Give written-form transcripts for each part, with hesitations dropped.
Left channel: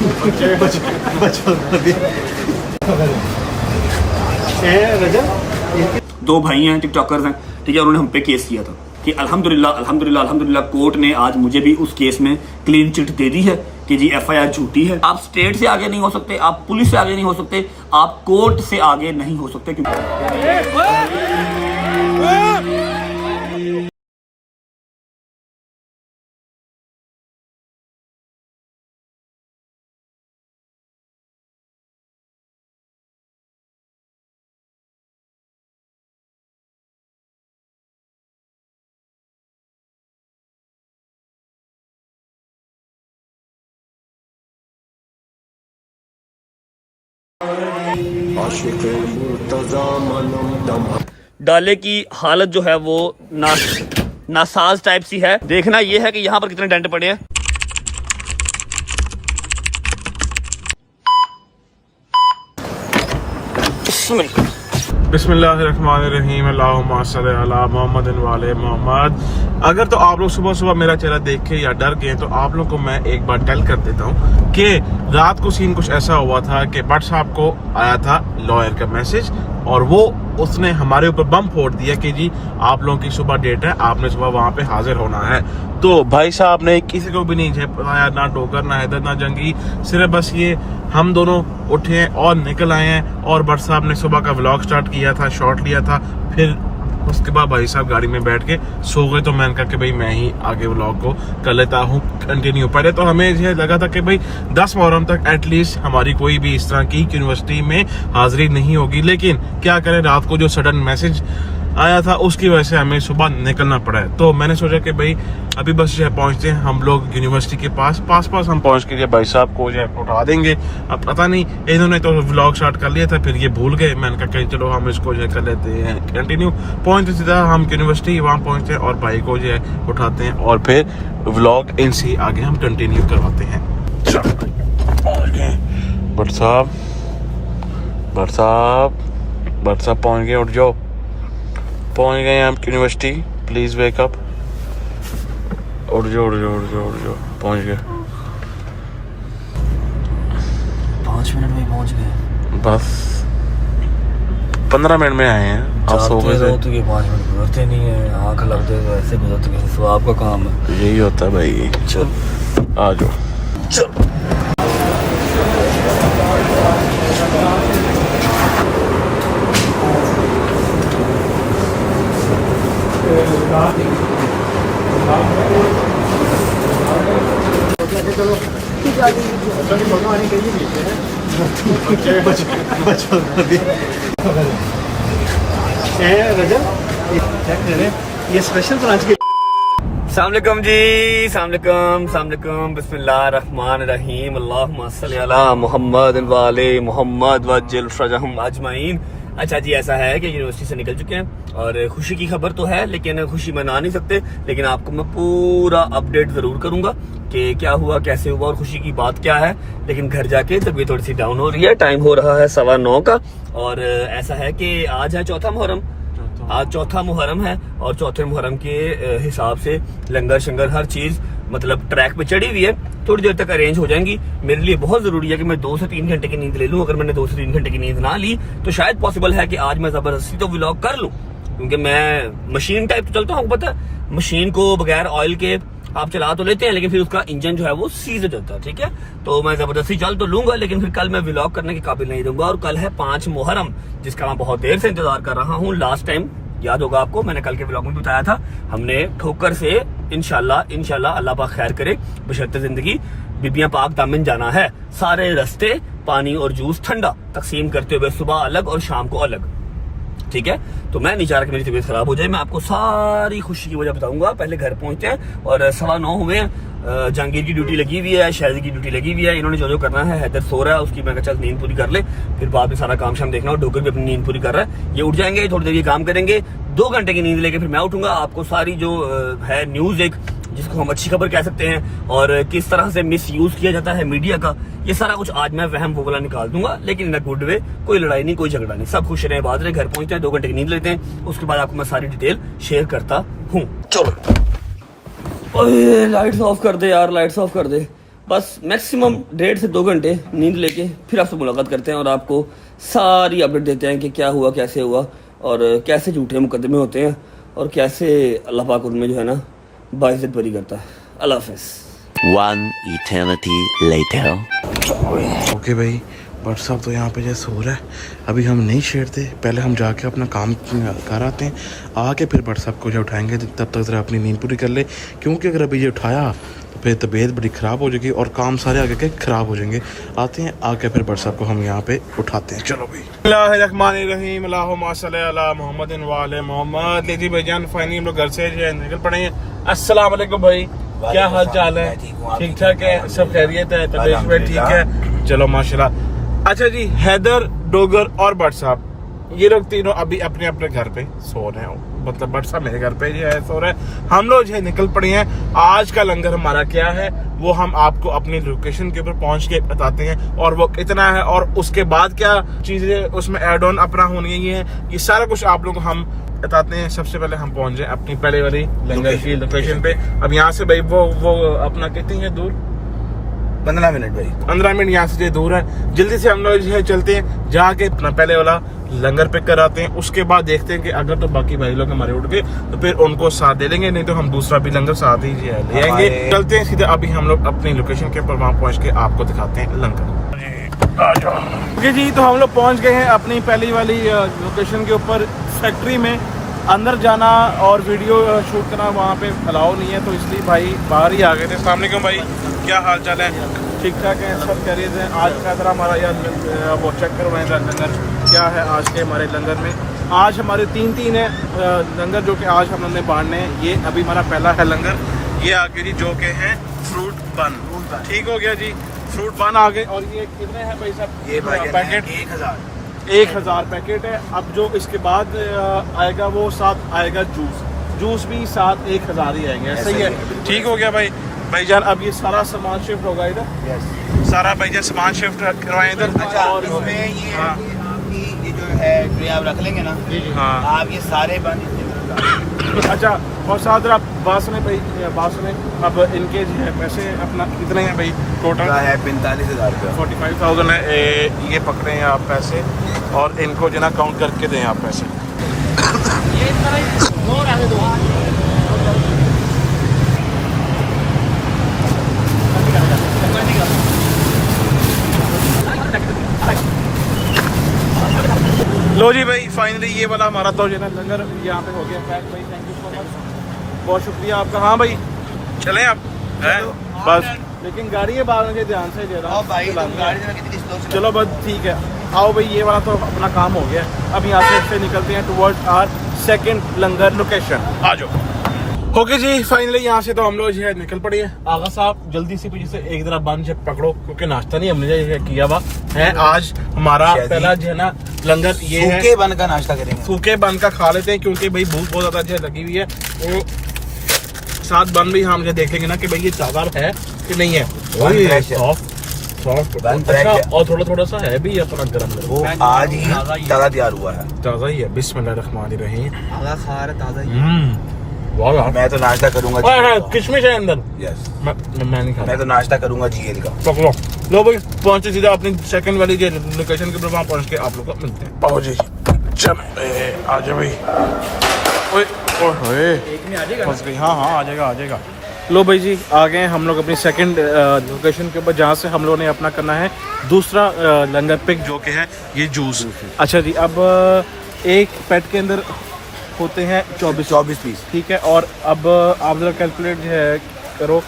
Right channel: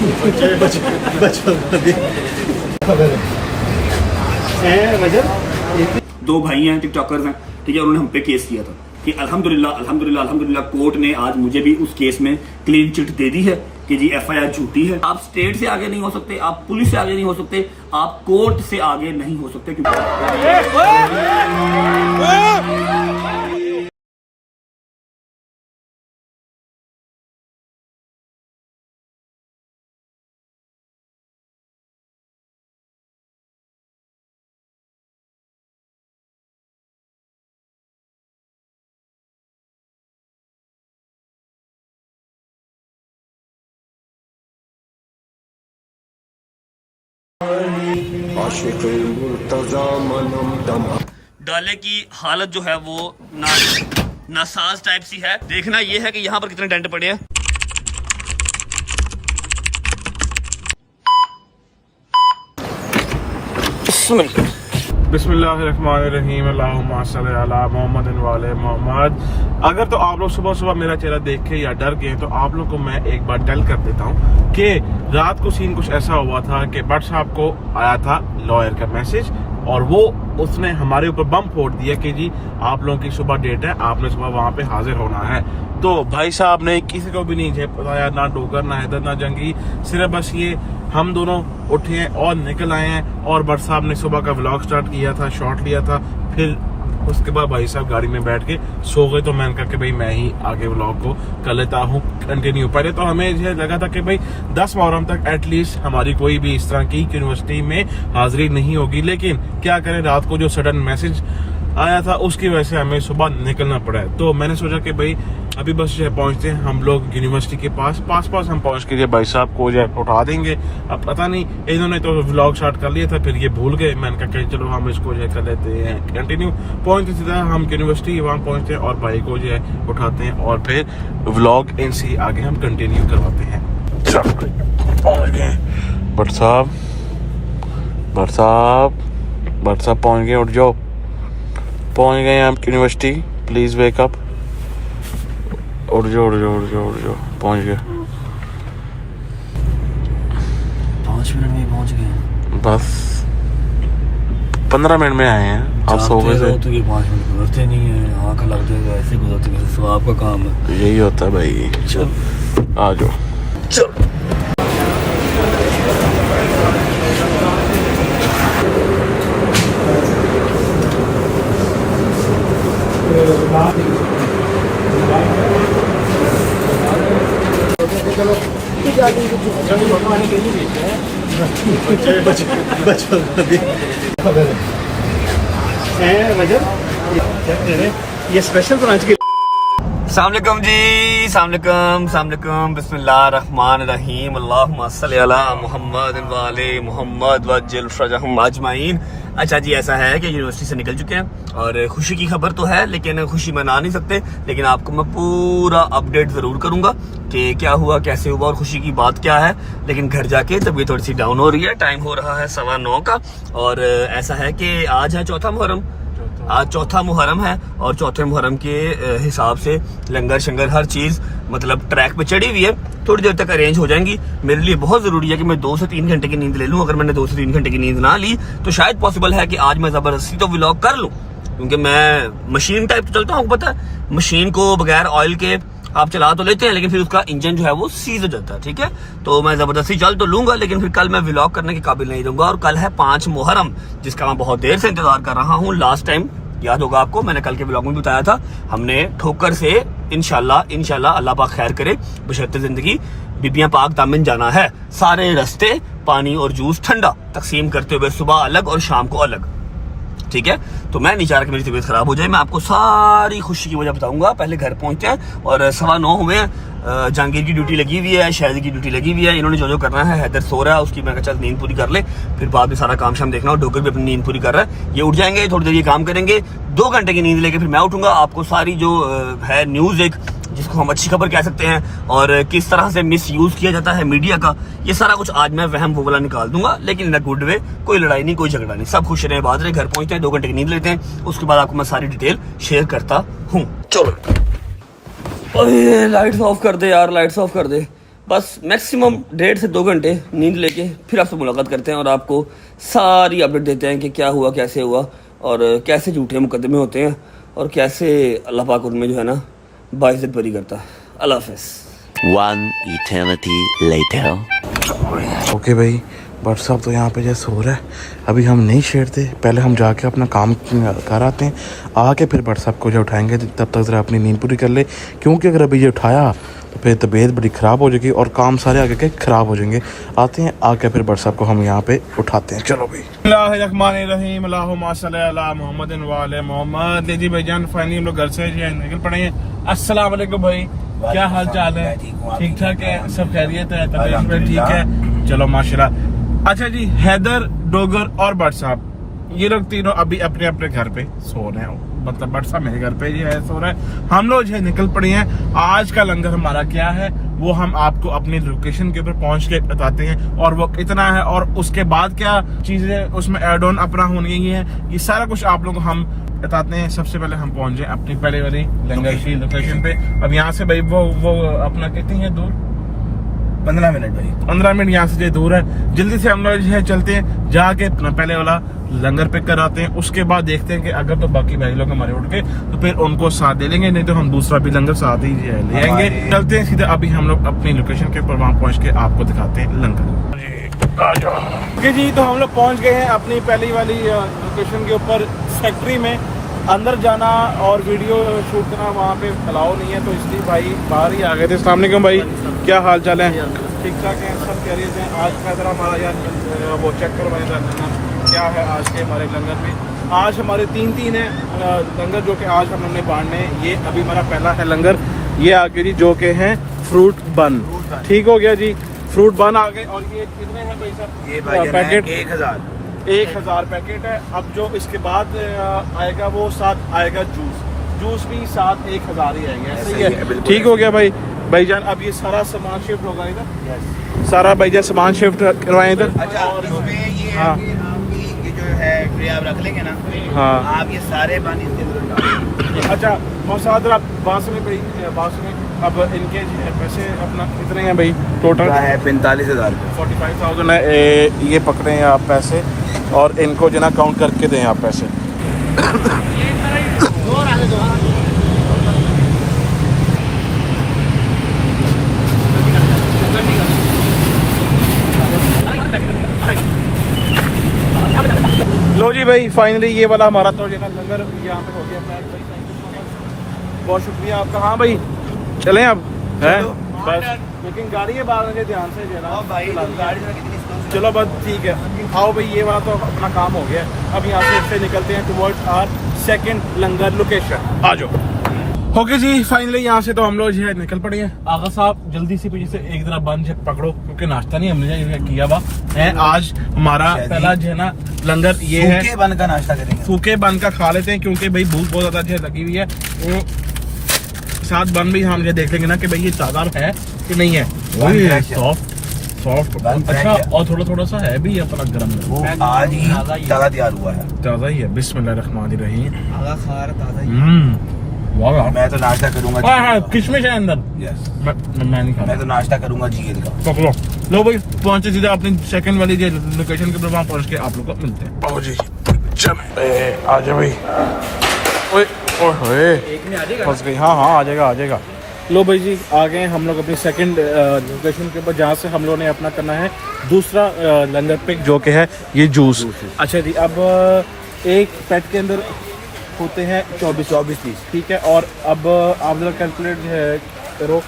दो भाई हैं, टिकटॉकर्स हैं, ठीक है। उन्होंने हम पे केस किया था कि अल्हम्दुलिल्लाह कोर्ट ने आज मुझे भी उस केस में क्लीन चिट दे दी है कि जी एफआईआर झूठी है। आप स्टेट से आगे नहीं हो सकते, आप पुलिस से आगे नहीं हो सकते, आप कोर्ट से आगे नहीं हो सकते। डाले की हालत जो है वो नासाज टाइप सी है। देखना ये है कि यहाँ पर कितने डेंट पड़े हैं। बिस्मिल्लाहिर्रहमानिर्रहीम अल्लाहुम्मा सल्ली अला मुहम्मद वाले मोहम्मद। अगर तो आप लोग सुबह सुबह मेरा चेहरा देख के या डर गए तो आप लोग को मैं एक बार टेल कर देता हूँ कि रात को सीन कुछ ऐसा हुआ था कि भट्ट साहब को आया था लॉयर का मैसेज और वो उसने हमारे ऊपर बम फोड़ दिया कि जी आप लोगों की सुबह डेट है, आपने सुबह वहां पे हाजिर होना है। तो भाई साहब ने किसी को भी नहीं बताया, ना टोकर, ना हैदर, ना जंगी, सिर्फ बस ये हम दोनों उठे हैं और निकल आए हैं। और भट्ट साहब ने सुबह का व्लॉग स्टार्ट किया था, शॉट लिया था, फिर उसके बाद भाई साहब गाड़ी में बैठ के सो गए। तो मैंने कहा कि भाई मैं ही आगे व्लॉग को कर लेता हूँ कंटिन्यू। पहले तो हमें ये लगा था कि भाई 10 मुहर्रम तक एटलीस्ट हमारी कोई भी इस तरह की यूनिवर्सिटी में हाजिरी नहीं होगी, लेकिन क्या करें, रात को जो सडन मैसेज आया था उसकी वजह से हमें सुबह निकलना पड़ा है। तो मैंने सोचा कि भाई अभी बस जो है पहुंचते हैं हम लोग यूनिवर्सिटी के पास हम पहुंच के भाई साहब को जो है उठा देंगे। अब पता नहीं इन्होंने तो व्लॉग स्टार्ट कर लिया था, फिर ये भूल गए। मैंने कहा कि चलो हम इसको जो है कर लेते हैं कंटिन्यू। पहुंचते सीधा हम यूनिवर्सिटी वहाँ पहुंचते हैं और भाई को जो है उठाते हैं और फिर व्लॉग इनसे आगे हम कंटिन्यू करवाते हैं। भट्ट साहब पहुंच गए, उठ जाओ, पहुंच गए हम यूनिवर्सिटी, प्लीज वेक अप, उठ जाओ, पहुंच गए। 5 मिनट में पहुंच गए, बस 15 मिनट में आए हैं। आप सो गए थे तो ये 5 मिनट गुजरते नहीं है, आंख लगते हैं ऐसे गुजरते हैं। तो आपका काम है, यही होता है भाई। चल आ जाओ, चल। ये स्पेशल ब्रांच के सामलेकुम जी, सामलेकुम, बिस्मिल्लाहिर्रहमानिर्रहीम, अल्लाहुम्मा सल्ली अला मुहम्मद वाले मोहम्मद वज्जिल फरजहुम अजमाइन। अच्छा जी, ऐसा है कि यूनिवर्सिटी से निकल चुके हैं और खुशी की खबर तो है, लेकिन खुशी मना नहीं सकते। लेकिन आपको मैं पूरा अपडेट जरूर करूंगा कि क्या हुआ, कैसे हुआ और खुशी की बात क्या है। लेकिन घर जाके तबीयत थोड़ी सी डाउन हो रही है, टाइम हो रहा है 9:15 का। और ऐसा है कि आज है चौथा मुहर्रम, आज चौथा मुहर्रम है और चौथे मुहर्रम के हिसाब से लंगर शंगर हर चीज मतलब ट्रैक पे चढ़ी हुई है, थोड़ी देर तक अरेंज हो जाएंगी। मेरे लिए बहुत जरूरी है कि मैं 2 से 3 घंटे की नींद ले लूं। अगर मैंने 2 से 3 घंटे की नींद ना ली तो शायद पॉसिबल है कि आज मैं जबरदस्ती तो व्लॉग कर लूं, क्योंकि मैं मशीन टाइप तो चलता हूँ। पता है, मशीन को बगैर ऑयल के आप चला तो लेते हैं, लेकिन फिर उसका इंजन जो है वो सीज हो जाता है, ठीक है। तो मैं जबरदस्ती चल तो लूंगा, लेकिन फिर कल मैं व्लॉग करने के काबिल नहीं रहूंगा। और कल है 5 मुहर्रम, जिसका मैं बहुत देर से इंतजार कर रहा हूँ। लास्ट टाइम याद होगा आपको, मैंने कल के व्लॉग में बताया था, हमने ठोकर से इंशाल्लाह अल्लाह पाक खैर करे बशर्ते जिंदगी बीबियां पाक दामन जाना है। सारे रास्ते पानी और जूस ठंडा तकसीम करते हुए, सुबह अलग और शाम को अलग, ठीक है। तो मैं नहीं चाह रहा कि मेरी तबीयत खराब हो जाए। मैं आपको सारी खुशी की वजह बताऊंगा। पहले घर पहुंचते हैं और 9:15 हुए हैं। जहांगीर की ड्यूटी लगी हुई है, शहरी की ड्यूटी लगी हुई है। इन्होंने जो करना है, हैदर सो रहा है, उसकी मैं चल नींद पूरी कर ले, फिर बाद में सारा काम शाम देखना। और डोकर भी अपनी नींद पूरी कर रहा है। ये उठ जाएंगे, थोड़ी देर ये काम करेंगे, 2 घंटे की नींद लेके फिर मैं उठूंगा। आपको सारी जो है न्यूज, एक जिसको हम अच्छी खबर कह सकते हैं, और किस तरह से मिस यूज किया जाता है मीडिया का, ये सारा कुछ आज मैं वहम वो वाला निकाल दूंगा, लेकिन इन अ गुड वे। कोई लड़ाई नहीं, कोई झगड़ा नहीं, सब खुश रहे, बात रहे। घर पहुंचते हैं, 2 घंटे की नींद लेते हैं, उसके बाद आपको मैं सारी डिटेल शेयर करता हूँ। चलो, लाइट्स ऑफ कर दे यार, लाइट्स ऑफ कर दे। बस मैक्सिमम 1.5 से 2 घंटे नींद लेके फिर आपसे मुलाकात करते हैं और आपको सारी अपडेट देते हैं कि क्या हुआ, कैसे हुआ और कैसे झूठे मुकदमे होते हैं और कैसे अल्लाह पाक उनमें जो है ना बाइज्जत बरी करता है। अल्लाह हाफ़िज़। One eternity later. ओके भाई, बट साहब तो यहाँ पे जैसे सो रहा है, अभी हम नहीं छेड़ते, पहले हम जाके अपना काम कर आते हैं, आके फिर बट साहब को जो उठाएंगे तब तक ज़रा अपनी नींद पूरी कर ले, क्योंकि अगर अभी ये उठाया तो फिर तबीयत बड़ी ख़राब हो जाएगी और काम सारे आगे के ख़राब हो जाएंगे। आते हैं, आके फिर बट साहब को हम यहाँ पे उठाते हैं। चलो भाई। बिस्मिल्लाहिर्रहमानिर्रहीम, अल्लाहुम्मा सल्ली अला मुहम्मदिन व आले मोहम्मद। ले जी भाईजान, फाइनली हम लोग घर से जो है निकल पड़े हैं। अस्सलाम वालेकुम भाई, क्या हाल चाल है? ठीक ठाक है, सब खैरियत है, तबीयत में ठीक है? चलो माशाल्लाह। अच्छा जी, हैदर, डोगर और बट साहब ये लोग तीनों अभी अपने अपने घर पे सो रहे हैं, मतलब बट साहब मेरे घर पे जो है सो रहा है। हम लोग जो है निकल पड़े हैं। आज का लंगर हमारा क्या है वो हम आपको अपनी लोकेशन के ऊपर पहुंच के बताते हैं और वो कितना है और उसके बाद क्या चीजें उसमें एड ऑन अपना होनी है, ये सारा कुछ आप लोग हम बताते हैं। सबसे पहले हम पहुंच जाए अपनी पहले वाली लंगर की लोकेशन पे। अब यहाँ से भाई वो अपना कितनी है दूर? 15 मिनट भाई, 15 मिनट यहाँ से दूर है। जल्दी से हम लोग जो है चलते हैं, जाके अपना पहले वाला लंगर पिक कराते हैं। उसके बाद देखते हैं कि अगर तो बाकी भाई लोग हमारे उठ गए तो फिर उनको साथ दे लेंगे, नहीं तो हम दूसरा भी लंगर साथ ही ले आएंगे। चलते हैं सीधे, अभी हम लोग अपनी लोकेशन के ऊपर वहाँ पहुँच के आपको दिखाते हैं लंगर। ओके जी, तो हम लोग पहुँच गए हैं अपनी पहली वाली लोकेशन के ऊपर। फैक्ट्री में अंदर जाना और वीडियो शूट करना वहाँ पे अलाउ नहीं है, तो इसलिए भाई बाहर ही आ गए थे। अस्सलाम वालेकुम भाई, क्या हाल चाल है? ठीक ठाक है, सब खैरियत हैं। आज का जरा हमारा यार वो चेक करवाएं लंगर क्या है आज के हमारे लंगर में। आज हमारे तीन है लंगर जो कि आज हमने बांटने हैं। ये अभी हमारा पहला है लंगर, ये आगे जी जो के हैं फ्रूट बन। ठीक हो गया जी, फ्रूट बन आ गए। और ये कितने हैं भाई साहब? ये पैकेट 1000 पैकेट है। अब जो इसके बाद आएगा वो साथ आएगा जूस भी साथ 1000 ही आएंगे। सही है, ठीक हो गया भाई। भाईजान अब ये सारा सामान शिफ्ट होगा इधर, सारा भाईजान सामान शिफ्ट करवाएं इधर। अच्छा, हाँ, ये जो है ट्रे आप रख लेंगे ना, हाँ आप ये सारे बन इसके अंदर डालेंगे। अच्छा, और साथ आप बात सुने भाई, बात सुने अब इनके जो है पैसे अपना कितने हैं भाई? टोटल है 45,000 रुपये, 45,000 है। ये पकड़े हैं आप पैसे और इनको जो ना काउंट करके दें आप पैसे। लो जी भाई, फाइनली ये वाला हमारा तो जो है ना लंगर यहाँ पे हो गया पैक भाई। थैंक यू सो मच, बहुत शुक्रिया आपका। हाँ भाई चलें अब हैं बस, लेकिन गाड़ी है बाहर के ध्यान से जरा। चलो बस ठीक है, आओ भाई, ये वाला तो अपना काम हो गया। अब यहाँ से निकलते हैं towards our second langar location. आ जाओ। ओके जी, फाइनली यहाँ से तो हम लोग जो है निकल पड़े हैं। आगा साहब जल्दी से पीछे से एक तरह बन से पकड़ो, क्योंकि नाश्ता नहीं हमने किया हुआ है। आज हमारा पहला जो है ना लंगर ये है, सूखे बन का नाश्ता करेंगे। सूखे बन का खा लेते हैं, क्योंकि भाई भूख बहुत ज्यादा जो है लगी हुई है। वो साथ बन भी हम जो देख लेंगे ना कि भाई ये ताजा है कि नहीं है। सॉफ्ट अच्छा, और थोड़ा सा है भी अपना गरम गरम, आज ही ताजा तैयार हुआ है, ताजा ही है। बिस्मिल्लाहिर्रहमानिर्रहीम। वाह, मैं तो नाश्ता करूंगा। किशमिश है अंदर। यस, मैं नहीं खाता। मैं तो नाश्ता करूंगा जीएल का। पकड़ो, लो भाई, पहुंचे सीधा अपनी सेकंड वाली लोकेशन के ऊपर, वहां पहुंच के आप लोग को मिलते हैं। आओ जी, चल आ जाओ भाई। ओए ओए, एक में आ जाएगा। फंस गई। हाँ आ जाएगा। लो भाई जी, आ गए हम लोग अपनी सेकंड लोकेशन के ऊपर, जहाँ से हम लोगों ने अपना करना है दूसरा लंगर पिक, जो कि है ये जूस। अच्छा जी, अब एक पेट के अंदर होते हैं 24 पीस, ठीक है। और अब आप जरा कैलकुलेट जो है करो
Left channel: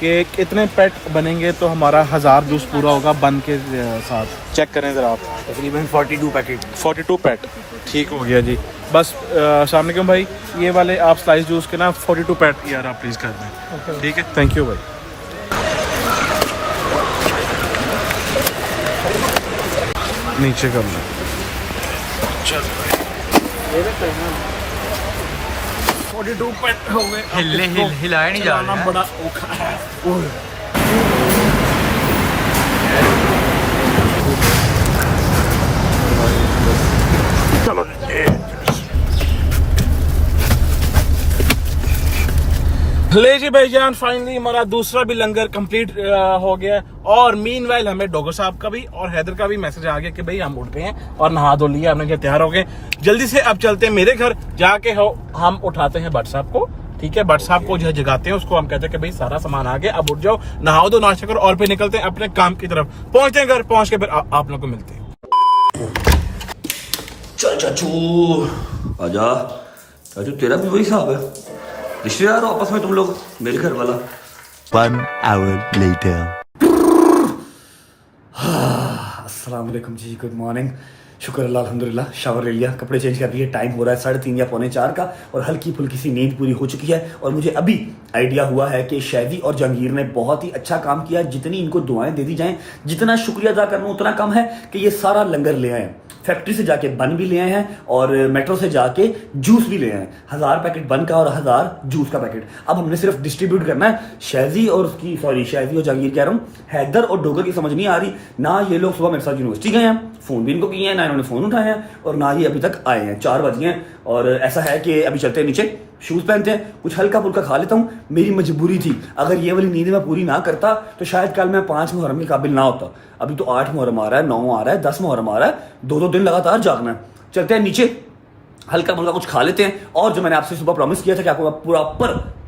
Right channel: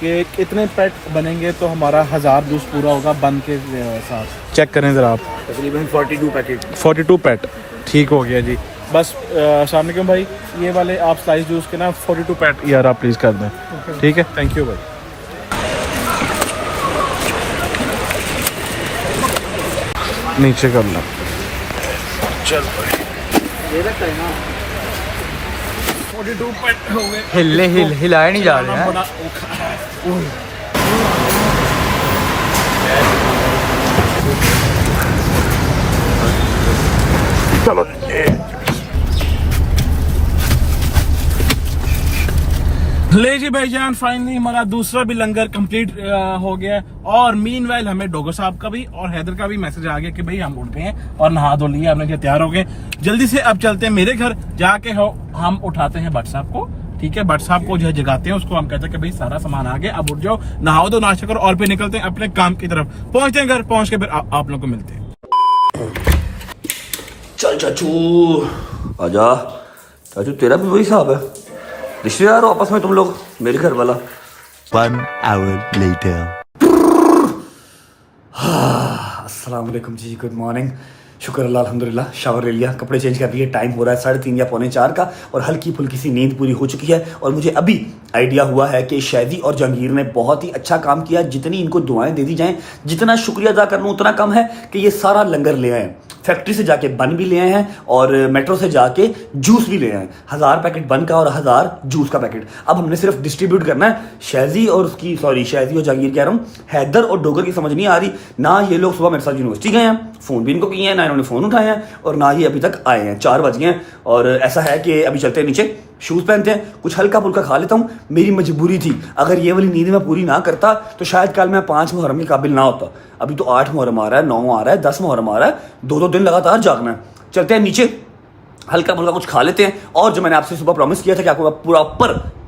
कि कितने पेट बनेंगे तो हमारा 1000 जूस पूरा होगा बन के साथ। चेक करें जरा आप, तकरीबन 42 पैकेट। 42 पेट, ठीक हो गया जी। बस अस्सलाम वालेकुम भाई, ये वाले आप स्लाइस जूस के ना 42 पेट यार आप प्लीज़ कर दें, ठीक है। थैंक यू भाई। नीचे करना, चल भाई। ये रखा है ना 42 पेट हो गए। हिलाए नहीं जा रहे हैं। बड़ा औखा है। चलो ले जी भाईजान, फाइनली हमारा दूसरा भी लंगर कंप्लीट हो गया है। और मीनवाइल हमें डोगर साहब का भी और हैदर का भी मैसेज आ गया कि भाई हम उठ गए हैं और नहा धो लिया, हमने तैयार हो गए। जल्दी से अब चलते हैं मेरे घर, जाके हम उठाते हैं भट्ट साहब को। ठीक है, भट्ट साहब को जो जगाते हैं, उसको हम कहते हैं कि भाई सारा सामान आ गया, अब उठ जाओ, नहाओ दो, नाश्ता करो और फिर निकलते हैं अपने काम की तरफ। पहुंचते हैं घर, पहुंच के फिर आप लोग को मिलते हैं। चल चाचू आजा। चाचू तेरा भी वही हिसाब है, रिश्तेदार हो आपस में तुम लोग, मेरे घर वाला। 1 hour later. अस्सलाम वालेकुम जी, गुड मॉर्निंग। शुक्र अल्लाह, अल्हम्दुलिल्लाह। शावर ले लिया, कपड़े चेंज कर लिए, टाइम हो रहा है 3:30 या 3:45 का, और हल्की फुल्की सी नींद पूरी हो चुकी है। और मुझे अभी आइडिया हुआ है कि शैदी और जहांगीर ने बहुत ही अच्छा काम किया। जितनी इनको दुआएं दे दी जाएं, जितना शुक्रिया अदा कर लूँ उतना कम है कि ये सारा लंगर ले आए। फैक्ट्री से जाके बन भी ले आए हैं और मेट्रो से जाके जूस भी ले आए हैं। 1000 पैकेट बन का और 1000 जूस का पैकेट। अब हमने सिर्फ डिस्ट्रीब्यूट करना है। शैदी और जहांगीर कह रहा हूँ, हैदर और डोगर की समझ नहीं आ रही ना। ये लोग सुबह मेरे साथ यूनिवर्सिटी गए हैं, फोन भी इनको किए हैं, ना इन्होंने फोन उठाए हैं, और ना ही अभी तक आए हैं। 4 बज गए हैं। और ऐसा है कि अभी चलते हैं नीचे, शूज पहनते हैं, कुछ हल्का फुल्का खा लेता हूँ। मेरी मजबूरी थी, अगर ये वाली नींद मैं पूरी ना करता तो शायद कल मैं 5 मुहर्रम के काबिल ना होता। अभी तो 8 मुहर्रम आ रहा है, 9 आ रहा है, 10 मुहर्रम आ रहा है, 2-2 दिन लगातार जागना है। चलते हैं नीचे, हल्का फुल्का कुछ खा लेते हैं। और जो मैंने आपसे सुबह प्रॉमिस किया था कि आपको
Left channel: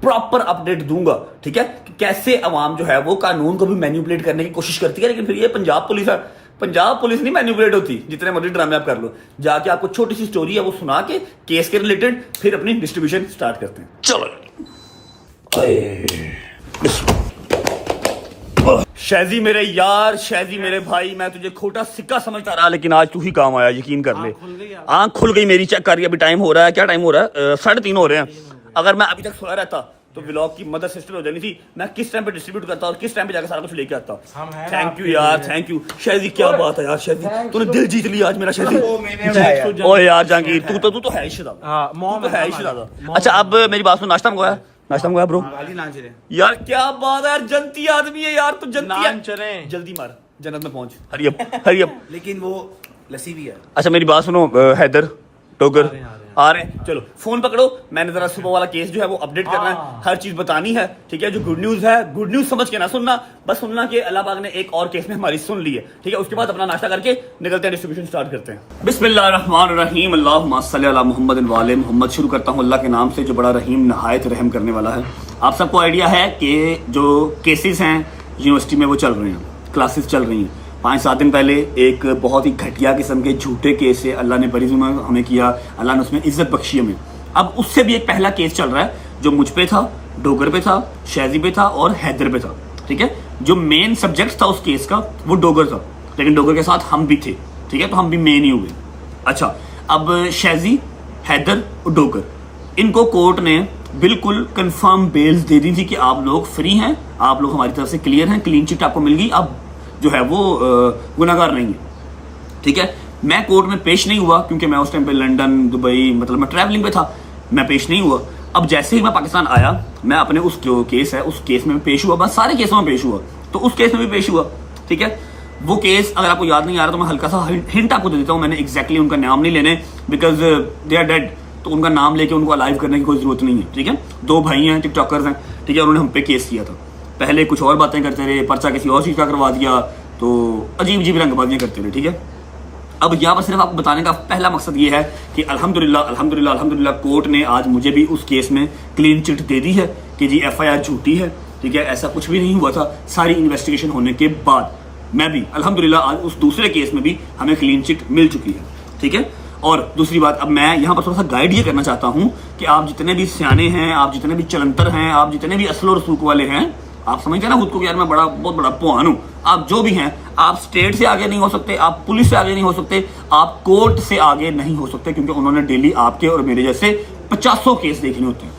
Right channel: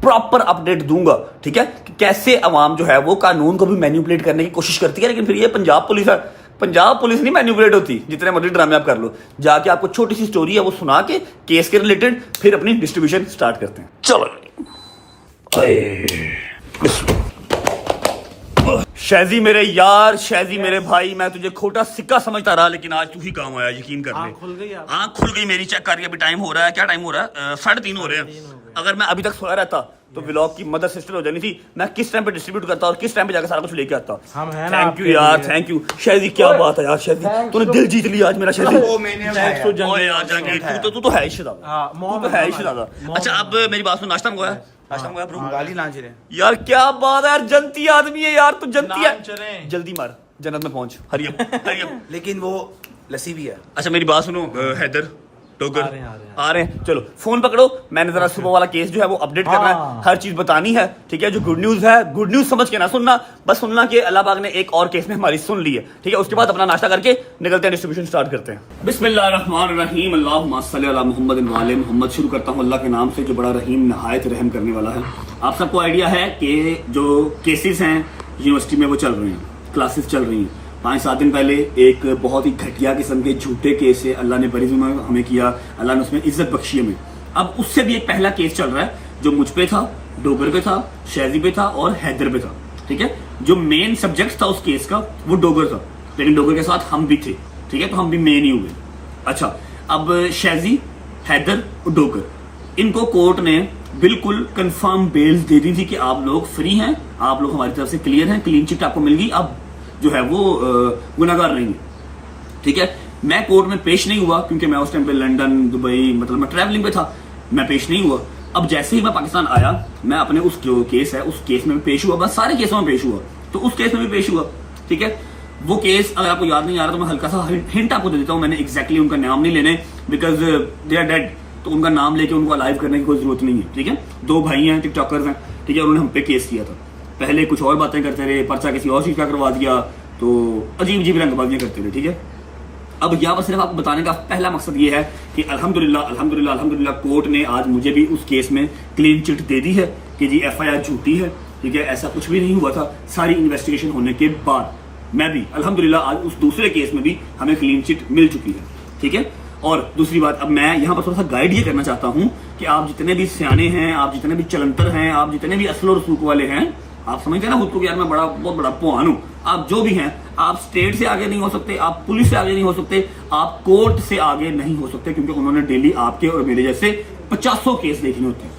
प्रॉपर अपडेट दूंगा, ठीक है, कि कैसे अवाम जो है वो कानून को भी मैनिपुलेट करने की कोशिश करती है। लेकिन फिर ये पंजाब पुलिस नहीं मैनिपुलेट होती, जितने मर्जी ड्रामे आप कर लो। जाके आपको छोटी सी स्टोरी है वो सुना के केस के रिलेटेड फिर अपनी डिस्ट्रीब्यूशन स्टार्ट करते हैं। चलो शैजी मेरे यार, शैजी मेरे भाई, मैं तुझे खोटा सिक्का समझता रहा, लेकिन आज तू ही काम आया, यकीन कर ले। आँख खुल गई मेरी, चेक करिए अभी टाइम हो रहा है, क्या टाइम हो रहा है, 3:30 हो रहे हैं। अगर मैं अभी तक सोया रहता तो व्लॉग की मदर सिस्टर हो जानी थी। मैं किस टाइम पे डिस्ट्रीब्यूट करता और किस टाइम पे जाकर सारा कुछ लेके आता। थैंक यू यार, थैंक यू शैजी, क्या बात है यार शैजी, तूने दिल जीत लिया आज मेरा शैजी। ओ यार जहांगीर, तू तो है ही शहजादा, तू तो है ही शहजादा। अच्छा अब मेरी बात सुन, नाश्ता मंगवाया ब्रो? यार क्या बात है यार, जनती आदमी है यार, तू जनती है। जल्दी मार, जन्नत में पहुंच, हरी अप। लेकिन वो लस्सी भी है। अच्छा मेरी बात सुनो, हैदर टोकर आ रहे हैं, चलो फोन पकड़ो। मैंने जरा सुबह वाला केस जो है वो अपडेट करना है, हर चीज बतानी है, ठीक है। जो गुड न्यूज है, गुड न्यूज समझ के ना सुनना, बस सुनना कि अल्लाह पाक ने एक और केस में हमारी सुन ली है, ठीक है। उसके बाद अपना नाश्ता करके निकलते हैं, डिस्ट्रीब्यूशन स्टार्ट करते हैं। बिस्मिल्लाहिर्रहमानिर्रहीम, अल्लाहुम्मा सल्ली अला मुहम्मद व आले मुहम्मद। शुरू करता हूँ अल्लाह के नाम से जो बड़ा रहीम नहायत रहम करने वाला है। आप सबको आइडिया है कि जो केसेस हैं यूनिवर्सिटी में वो चल रहे हैं, क्लासेस चल रही हैं। 5-7 दिन पहले एक बहुत ही घटिया किस्म के झूठे केस से अल्लाह ने बड़ी जुल्म हमें किया, अल्लाह ने उसमें इज्जत बख्शी हमें। अब उससे भी एक पहला केस चल रहा है जो मुझ पे था, डोगर पे था, शैजी पे था और हैदर पे था, ठीक है। जो मेन सब्जेक्ट था उस केस का वो डोगर था, लेकिन डोगर के साथ हम भी थे, ठीक है, तो हम भी मेन ही हुए। अच्छा अब शैजी, हैदर और डोगर, इनको कोर्ट ने बिल्कुल कंफर्म बेल्स दे दी थी कि आप लोग फ्री हैं, आप लोग हमारी तरफ से क्लियर हैं, क्लीन चिट आपको मिल गई, अब जो है वो गुनाहगार नहीं है, ठीक है। मैं कोर्ट में पेश नहीं हुआ क्योंकि मैं उस टाइम पे लंदन, दुबई, मतलब मैं ट्रैवलिंग पे था, मैं पेश नहीं हुआ। अब जैसे ही मैं पाकिस्तान आया, मैं अपने उस जो केस है उस केस में पेश हुआ, बस सारे केसों में पेश हुआ, तो उस केस में भी पेश हुआ, ठीक है। वो केस अगर आपको याद नहीं आ रहा तो मैं हल्का सा हिंट आपको दे देता हूँ। मैंने एग्जैक्टली उनका नाम नहीं लेने, बिकॉज दे आर डेड, तो उनका नाम लेके उनको अलाइव करने की कोई जरूरत नहीं है, ठीक है। 2 भाई हैं, टिकटॉकर्स हैं, ठीक है, उन्होंने हम पे केस किया था। पहले कुछ और बातें करते रहे, पर्चा किसी और चीज का करवा दिया, तो अजीब रंगबाजियां करते रहे, ठीक है। अब यहाँ पर सिर्फ आपको बताने का पहला मकसद ये है कि अल्हम्दुलिल्लाह कोर्ट ने आज मुझे भी उस केस में क्लीन चिट दे दी है कि जी FIR झूठी है, ठीक है, ऐसा कुछ भी नहीं हुआ था। सारी इन्वेस्टिगेशन होने के बाद मैं भी अल्हम्दुलिल्लाह आज उस दूसरे केस में भी हमें क्लीन चिट मिल चुकी है, ठीक है। और दूसरी बात, अब मैं यहाँ पर थोड़ा सा गाइड ये करना चाहता हूँ कि आप जितने भी सियाने हैं, आप जितने भी चलंतर हैं, आप जितने भी असल और रसूख वाले हैं, आप समझते हैं ना खुद को कि यार मैं बहुत बड़ा पुआन हूं, आप जो भी हैं, आप स्टेट से आगे नहीं हो सकते, आप पुलिस से आगे नहीं हो सकते, आप कोर्ट से आगे नहीं हो सकते, क्योंकि उन्होंने डेली आपके और मेरे जैसे 50 केस देखने होते हैं।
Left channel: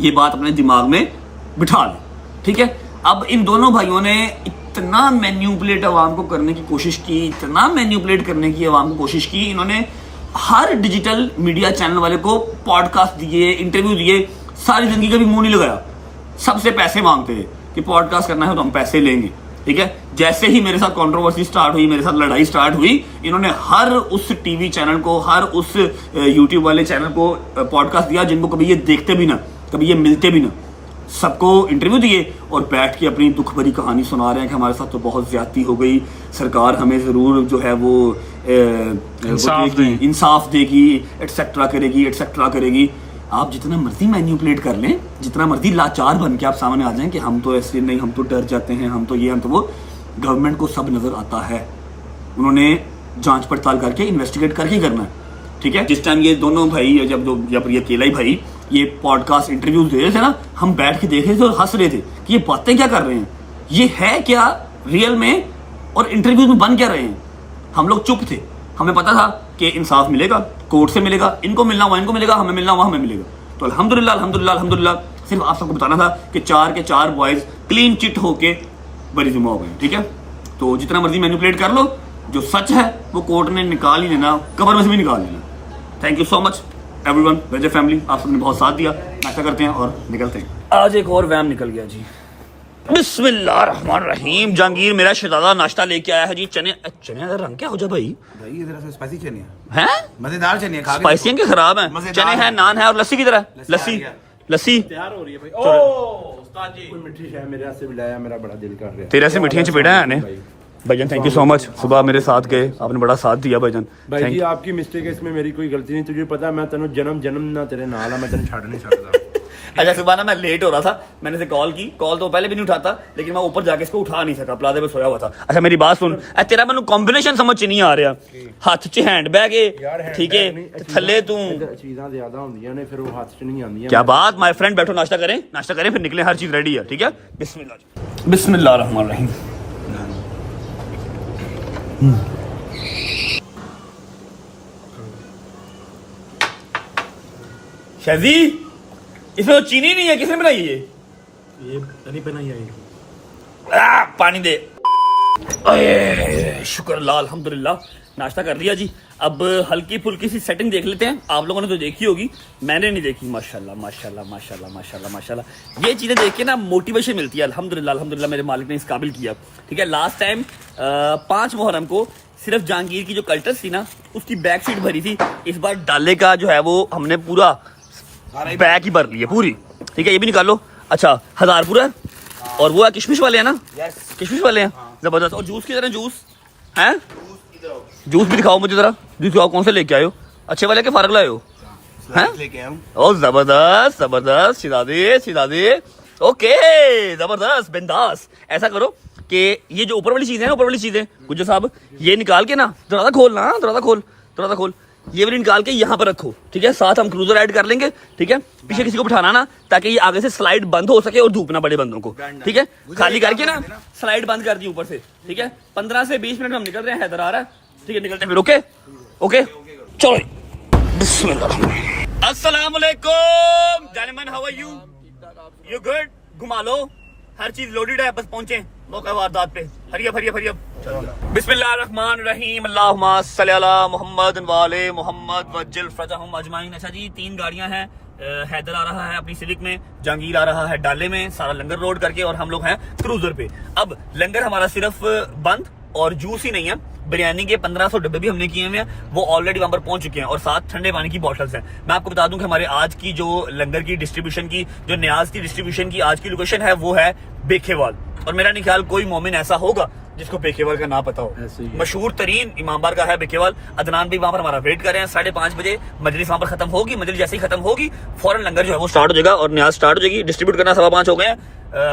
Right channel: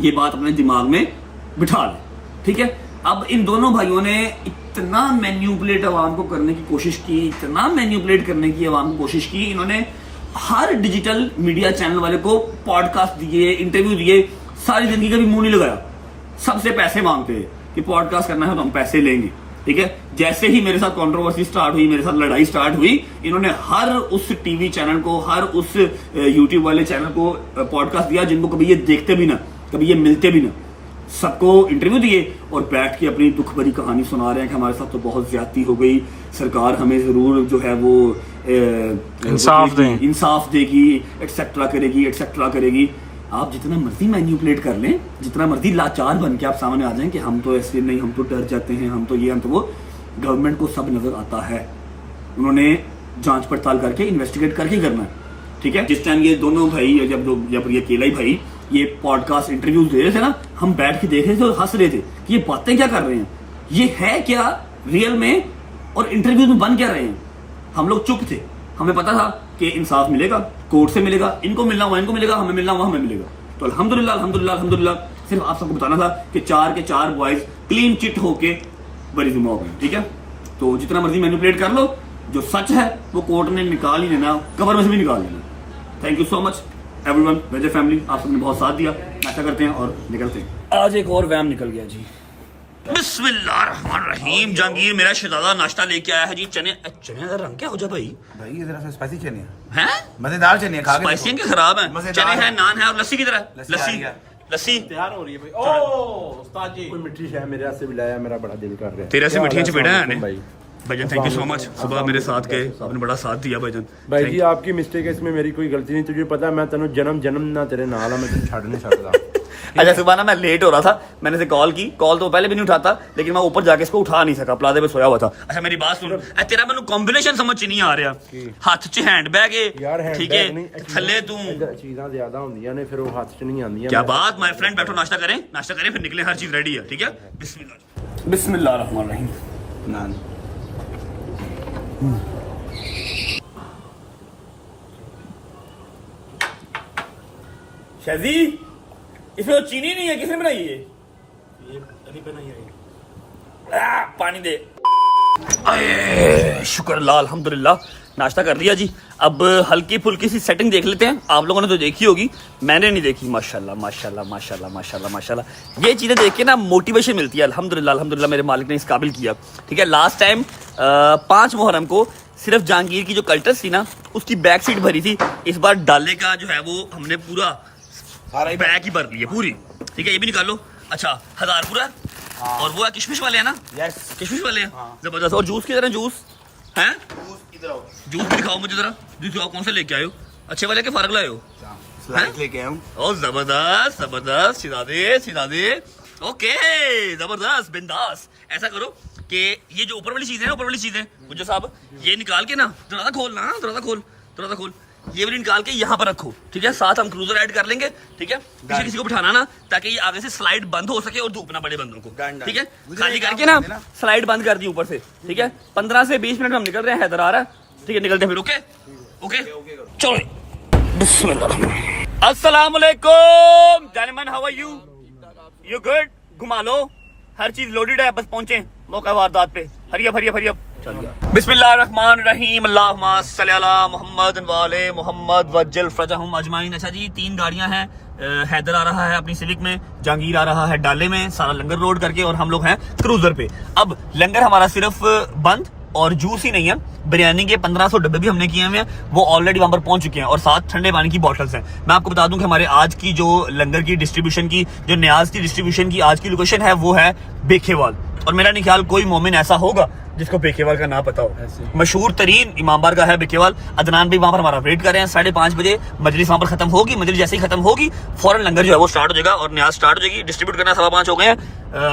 ये बात अपने दिमाग में बिठा लें, ठीक है। अब इन दोनों भाइयों ने इतना मैन्युपुलेट अवाम को करने की कोशिश की, इतना मैन्युपुलेट करने की अवाम को कोशिश की, इन्होंने हर डिजिटल मीडिया चैनल वाले को पॉडकास्ट दिए, इंटरव्यू दिए, सारी जिंदगी का भी मुंह नहीं लगाया। सबसे पैसे मांगते थे कि पॉडकास्ट करना है तो हम पैसे लेंगे, ठीक है। जैसे ही मेरे साथ कंट्रोवर्सी स्टार्ट हुई, मेरे साथ लड़ाई स्टार्ट हुई, इन्होंने हर उस टीवी चैनल को, हर उस यूट्यूब वाले चैनल को पॉडकास्ट दिया जिनको कभी ये देखते भी ना, कभी ये मिलते भी ना, सबको इंटरव्यू दिए और बैठ के अपनी दुख भरी कहानी सुना रहे हैं कि हमारे साथ तो बहुत ज्यादती हो गई, सरकार हमें जरूर जो है वो इंसाफ देगी, एटसेट्रा करेगी। आप जितना मर्जी मैन्युपुलेट कर लें, जितना मर्जी लाचार बन के आप सामने आ जाएं कि हम तो ऐसे नहीं, हम तो डर जाते हैं, हम तो ये, हम तो वो, गवर्नमेंट को सब नजर आता है। उन्होंने जांच पड़ताल करके इन्वेस्टिगेट करके करना है, ठीक है। जिस टाइम ये दोनों भाई, जब ये केलाई भाई ये पॉडकास्ट इंटरव्यूज दे रहे थे ना, हम बैठ के देख रहे थे और हंस रहे थे कि ये बातें क्या कर रहे हैं, ये है क्या रियल में, और इंटरव्यू में बन क्या रहे हैं। हम लोग चुप थे, हमें पता था कि इंसाफ मिलेगा, कोर्ट से मिलेगा, इनको मिलना हुआ इनको मिलेगा, हमें मिलना हुआ हमें मिलेगा। तो अल्हम्दुलिल्लाह सिर्फ आप सबको बताना था कि 4 के 4 बॉयज क्लीन चिट होके बरी जुमा हो गए, ठीक है। तो जितना मर्जी मैनिपुलेट कर लो, जो सच है वो कोर्ट ने निकाल ही देना, कब्र में से भी निकाल देना। Thank you so much everyone, Waje family, आप सबने बहुत साथ दिया। नाश्ता करते हैं और निकलते हैं। आज एक और वैम निकल गया जी। बिस्मिल्लाहिर्रहमानिर्रहीम। जहांगीर मेरा शहजादा नाश्ता लेके आया है जी। चने का रंग क्या हो जा भाई? भाई ये जरा सा स्पाइसी चने हैं, मजेदार चने खा के स्पाइसी के खराब है। चने हैं, नान है और लस्सी की तरह। लस्सी तैयार हो रही है भाई। उस्ताद जी कोई मिठी है मेरे से भी लाया, मेरा बड़ा दिल कर रहा है। तेरे से मिठियां चपेड़ा है ने भाईजान। थैंक यू सो मच, सुबह मेरे साथ गए, आपने बड़ा साथ दिया भाईजान। भाई जी आपकी मिस्टेक है, इसमें मेरी कोई गलती नहीं। तुझे पता है मैं तेनों जन्म ना तेरे नाल मैं तेन छड़ नहीं सकता। अच्छा सुबह ना मैं लेट हो रहा था, मैंने से कॉल की, कॉल तो पहले भी नहीं उठाता, लेकिन मैं ऊपर जाके इसको उठा नहीं सका, प्लाजे पे सोया हुआ था। अच्छा मेरी बात सुन, तेरा मैंने कॉम्बिनेशन समझ नहीं आ रहा। हाथ च हैंड बैग है, ठीक है, थल्ले तू चीज़ां ज्यादा होंदियां ने, फिर वो हाथ च नहीं आंदियां। क्या बात माय फ्रेंड, बैठो नाश्ता करें फिर निकले, हर चीज रेडी है, ठीक है। बिस्मिल्लाहिर्रहमानिर्रहीम। शहजी इसमें तो चीनी नहीं है, किसने बनाई ये नहीं बनाई है। पानी दे। अरे शुक्र अल्लाह, अल्हम्दुलिल्लाह नाश्ता कर लिया जी। अब हल्की फुल्की सी सेटिंग देख लेते हैं। आप लोगों ने तो देखी होगी, मैंने नहीं देखी। माशाल्लाह ये चीजें देख के ना मोटिवेशन मिलती है। अल्हम्दुलिल्लाह मेरे मालिक ने इस काबिल किया, ठीक है। लास्ट टाइम 5 मुहर्रम को सिर्फ जहांगीर की जो कल्टस थी ना, उसकी बैक सीट भरी थी। इस बार डाले का जो है वो हमने पूरा बैग ही भर ली है पूरी, ठीक है। ये भी निकाल लो। अच्छा 1000 पूरा, और वो किशमिश वाले हैं ना, किशमिश वाले हैं, जबरदस्त। और जूस की तरह जूस है, जूस भी दिखाओ मुझे जरा, जूस दिखाओ, कौन से लेके आए हो? अच्छे वाले के फारग लाए हो? लेके आया हूं। ओ जबरदस्त शिरादे ओके, जबरदस्त बिंदास। ऐसा करो कि ये जो ऊपर वाली चीज है ना, ऊपर वाली चीज है गुज्जर साहब, ये निकाल के ना दरवाजा खोल, ये भी निकाल के यहाँ पर रखो, ठीक है। साथ हम क्रूजर ऐड कर लेंगे, ठीक है। किसी को बिठाना ना, ताकि ये आगे से स्लाइड बंद हो सके और धूप ना पड़े बंदों को, ठीक है। खाली करके ना स्लाइड बंद कर दी ऊपर से, ठीक है। 15 से 20 मिनट में हम निकल रहे हैं, हैदर आ रहा है, ठीक है। निकल के फिर ओके चलो बिस्मिल्लाह। अस्सलाम वालेकुम जानिमन, हाउ आर यू गुड? घुमा लो, हर चीज लोडेड है, बस पहुंचे मौका वारदात पे। हरिया बिस्मिल्लाहिर्रहमानिर्रहीम। अल्लाहुम्मा सल्ली अला मुहम्मद वाले मुहम्मद वज्जल फरजहुम अजमाइन। अच्छा जी 3 गाड़ियां हैं, हैदर आ रहा है अपनी सिविक में, जहांगीर आ रहा है डाले में, सारा लंगर रोड करके, और हम लोग हैं क्रूजर पे। अब लंगर हमारा सिर्फ बंद और जूस ही नहीं है, बिरयानी के 1500 डब्बे भी हमने किए हुए हैं, वो ऑलरेडी वहां पर पहुंच चुके हैं, और साथ ठंडे पानी की बॉटल्स हैं। मैं आपको बता दूं कि हमारे आज की जो लंगर की डिस्ट्रीब्यूशन की, जो न्याज की डिस्ट्रीब्यूशन की आज की लोकेशन है, वो है बेखेवाल। और मेरा नहीं ख्याल कोई मोमिन ऐसा होगा जिसको बेखेवाल का ना पता हो। मशहूर तरीन इमामबार का है बेखेवाल। अदनान भी वहां पर हमारा वेट कर रहे हैं। 5:30 बजे मजलिस वहां पर खत्म होगी। मजलिस जैसे ही खत्म होगी फौरन लंगर जो है वो स्टार्ट हो जाएगा और न्याज स्टार्ट हो जाएगी। डिस्ट्रीब्यूट करना 5:15 हो गए हैं।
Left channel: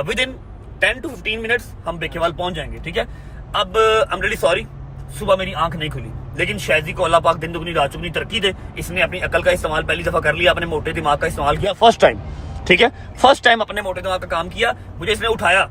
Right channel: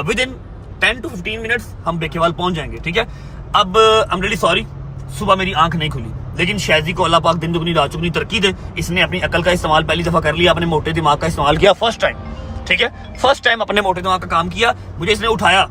विद इन 10 to 15 मिनट्स हम बेखेवाल पहुंच जाएंगे, ठीक है। अब आई एम रियली सॉरी, सुबह मेरी आंख नहीं खुली, लेकिन शहजी को अल्लाह पाक दिन दुगनी रात चुगनी तरक्की दे। इसने अपनी अकल का इस्तेमाल पहली दफा कर लिया, अपने मोटे दिमाग का इस्तेमाल किया, फर्स्ट टाइम, ठीक है। फर्स्ट टाइम अपने मोटे दिमाग का काम किया। मुझे इसने उठाया,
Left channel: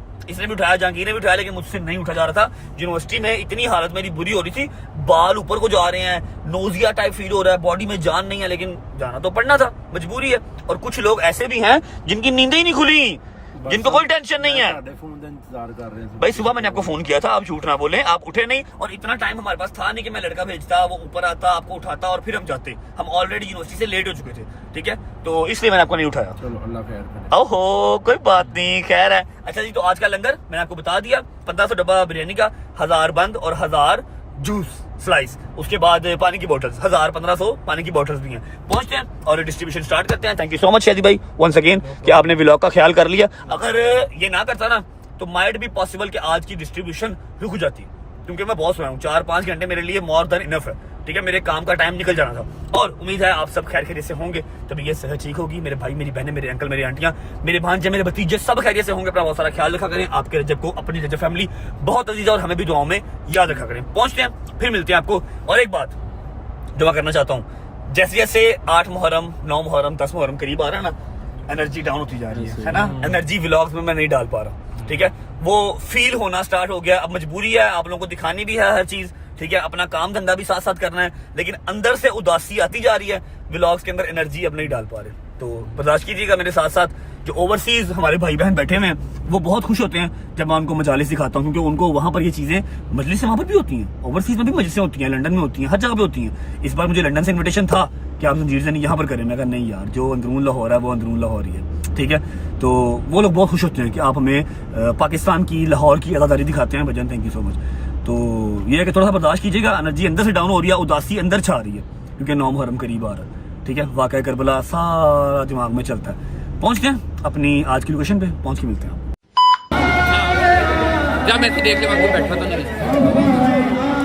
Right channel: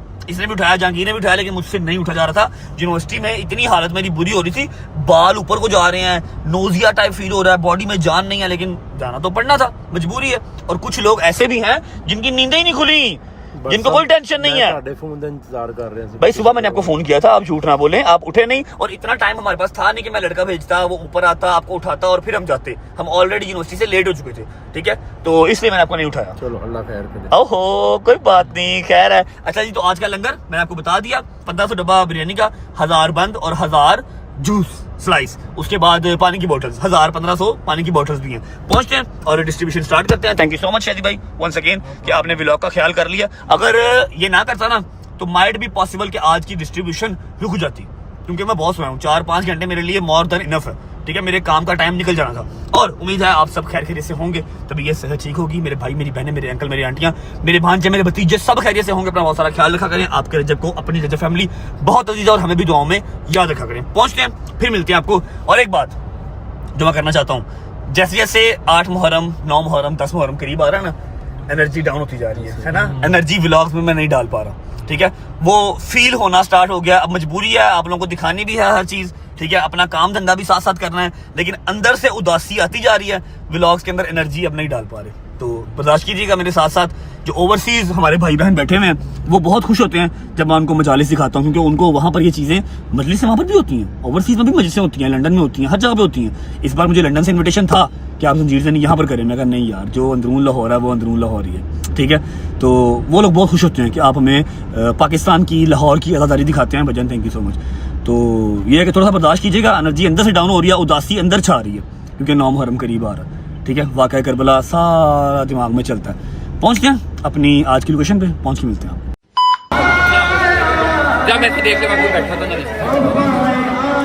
जहांगीर ने भी उठाया, लेकिन मुझसे नहीं उठा जा रहा था। यूनिवर्सिटी में इतनी हालत मेरी बुरी हो रही थी, बाल ऊपर को जा रहे हैं, नोजिया टाइप फील हो रहा है, बॉडी में जान नहीं है, लेकिन जाना तो पड़ना था, मजबूरी है। और कुछ लोग ऐसे भी हैं जिनकी नींदें ही नहीं खुली, जिनको कोई टेंशन नहीं है। फोन का इंतजार कर रहे हैं भाई सुबह मैंने आपको फोन किया था, आप झूठ ना बोलें, आप उठे नहीं, और इतना टाइम हमारे पास था नहीं कि मैं लड़का भेजता, वो ऊपर आता, आपको उठाता और फिर हम जाते। हम ऑलरेडी यूनिवर्सिटी से लेट हो चुके थे, ठीक है, तो इसलिए मैंने आपको नहीं उठाया। चलो अल्लाह खैर करे। ओहो कोई बात नहीं, खैर है। अच्छा जी, तो आज का लंगर मैंने आपको बता दिया, 1500 डब्बा बिरयानी का, 1000 बंद और 1000 जूस, स्लाइस, उसके बाद पानी की बोतल्स 1000-1500 पानी की बोतल्स भी हैं। पहुंचते हैं और डिस्ट्रीब्यूशन स्टार्ट करते हैं। Thank you so much Shaji भाई वंस अगेन कि आपने व्लॉग का ख्याल कर लिया। अगर ये ना करता ना तो माइट भी पॉसिबल कि आज की डिस्ट्रीब्यूशन रुक जाती, क्योंकि मैं बहुत सोया हूँ। 4-5 घंटे मेरे लिए मोर देन इनफ है, ठीक है। मेरे काम का टाइम निकल जाना था और उम्मीद है आप सब खैर खैरियत से होंगे, तभी ये सेहत ठीक होगी। मेरे भाई, मेरी बहनें, मेरे अंकल, मेरी आंटियां, मेरे भांजे, मेरे भतीजे सब खैरियत से होंगे। अपना बहुत सारा ख्याल रखा करें। आपके रजब को, अपनी रजब फैमिली बहुत अजीज है और हमें भी दुआओं में याद रखा करें। पहुंचते हैं, फिर मिलते हैं आपको। और एक बात जो मैं करना चाहता हूँ, जैसे जैसे 8 मुहर्रम, 9 मुहर्रम, 10 मुहर्रम करीब आ रहा है ना, एनर्जी डाउन होती जा रही है ना। एनर्जी व्लॉग्स में मैं नहीं डाल पा रहा, ठीक है। वो फील होना स्टार्ट हो गया। अब मजबूरी है, आप लोगों को दिखानी भी है हर चीज, ठीक है। अपना काम धंधा भी साथ साथ करना है, लेकिन अंदर से उदासी आती जा रही है। व्लॉग्स के अंदर एनर्जी अब नहीं डाल पा रहे, तो बर्दाश्त कीजिएगा मेरे साथ साथ। जो ओवरसीज हमारे भाई बहन बैठे हुए हैं वो बहुत खुश होते हैं जब मैं उनको मजालिस दिखाता हूँ, क्योंकि उनको वहां पर ये चीजें, मजलिसें वहां पर भी होती हैं, ओवरसीज में भी मजलिसें होती हैं, लंदन में होती हैं, हर जगह पे होती हैं। इस बार मुझे लंदन से इन्विटेशन था कि आप जंजीर से नहीं यहाँ पर करें। मैं कहा नहीं यार, जो अंदरून लाहौर है वो अंदरून लाहौर ही है, ठीक है। तो वो लोग बहुत खुश होते हैं कि आप हमें पाकिस्तान की, लाहौर की अदादारी दिखाते हैं। भजन थैंक यू सो मच। तो ये है कि थोड़ा सा बर्दाश्त कीजिएगा, एनर्जी अंदर से डाउन हो रही है, उदासी अंदर छा रही है, क्योंकि 9 मुहर्रम करीब आ रहा है, ठीक है। वाक़या करबला सारा दिमाग में चलता है। पहुंचते हैं अपनी आज की लोकेशन पे, पहुंच के मिलते हैं। जब मैं देख के बाद बैठा था,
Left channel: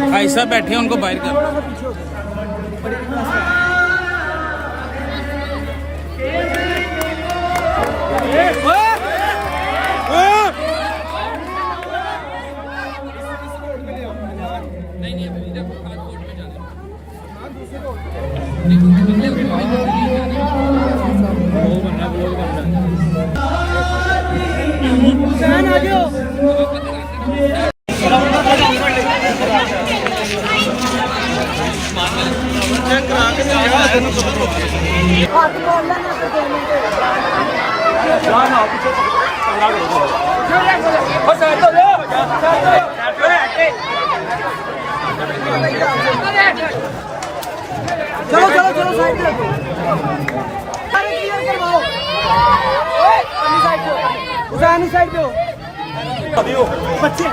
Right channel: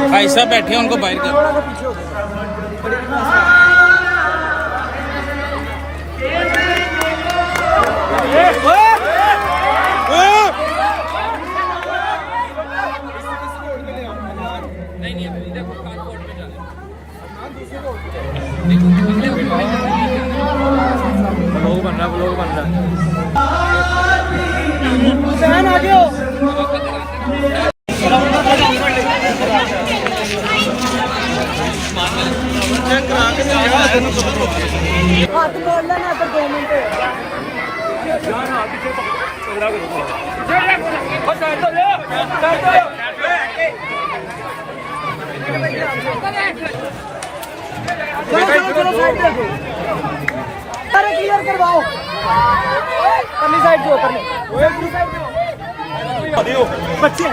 भाई साहब बैठे हैं, उनको बाहर कर। चलो चलो चलो साइड पे अरे क्लियर करवाओ। साइड पे बच्चे